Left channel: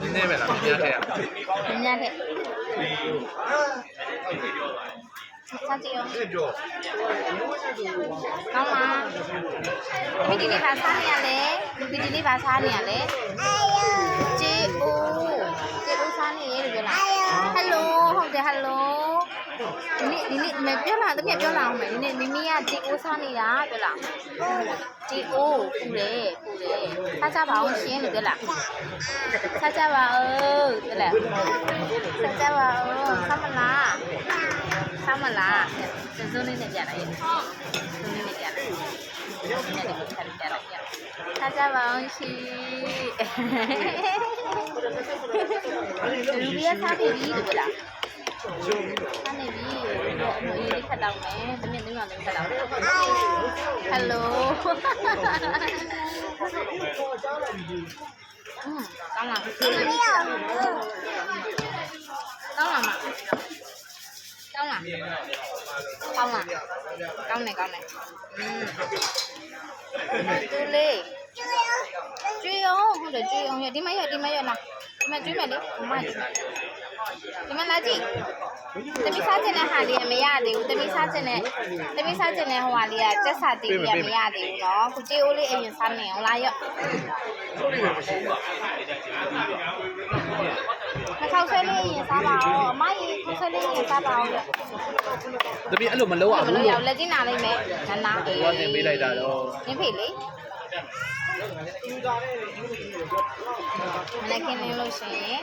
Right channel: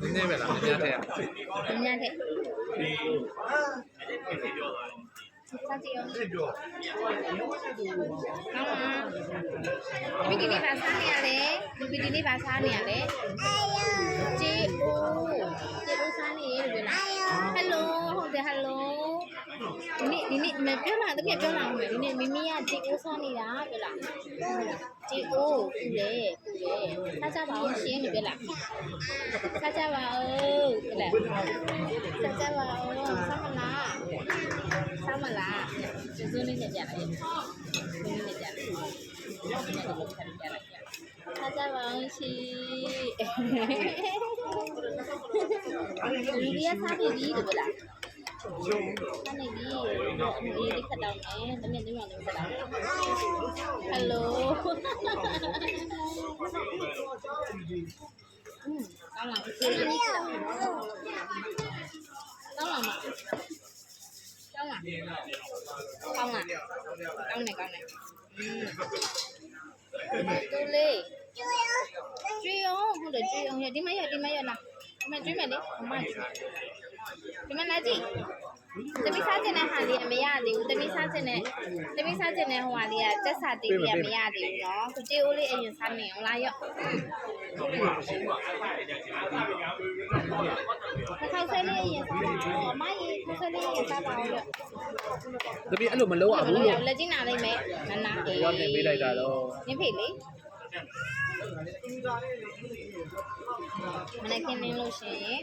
နည်းနည်းပဲလားမြင်ရခဲ့ရ ညံ့တဲ့စားကြည့်အောင်ကောင်းလားဒီနေ့ဘာစားရလဲဒီနေ့ဘာစားနေရလဲဂျေအိုစားနေရတယ်ပြောလားဟယ်လိုဟုတ်တယ်ဟယ်လိုဒီနေ့မပြောလားတကယ်ပြောလာအောင်မယ်ဒီနေ့မမီးကဂျေအိုစားနေတာပြောလားဂျေအိုပူတယ်စားကြပါအောင်ရှင်းလို့ပြောလားစားကြပါဦးပြောလားစားကြပါဦးစားမလားဇုံးလေးနဲ့ပြန်လိုက်ဇုံးလေးနဲ့ပြန်လိုက်ဒီနေ့ဒီခါပြန်လိုက်စားကြပါအောင်ရှင်လူပြစားနေပြီလို့ပြောလားစားနေပြီအမေရေးခတ်တော့မယ်တမင်သုံးခတ်တော့မယ်ဟယ်လိုကောင်းလားကောင်းလားမကောင်းလားကောင်းတယ်တူလေးကျွေးအောင်ဟုတ်တယ်ကျွေးအောင်ရဒီမရလားဒီမကျွေးမယ်လေအမဒီမလာကြည့်တပိစားခြင်းနဲ့ဟာလေးမရသေးဘူးတပိစားခြင်းနဲ့ဟိုဟာလေးကစက်စာသေးလေးမရသေးဘူးเนาะကိုကြေးအိုးလေးအရင်စားနေအောင်လားရော့ခေါက်ဆွဲလေးရင်စားပါအောင်အမကြီးခေါက်ဆွဲလေးရင်စားပါအောင်ရော့တပည့်အဲ့လိုမလုပ်ရဘူးလို့လက်ကျင်းနာလိုက်မယ်နာဟိုကနေပေးလိုက်တာတော့နင်းဖေလေမနေ့ကင်းနေလို့ရှိရင်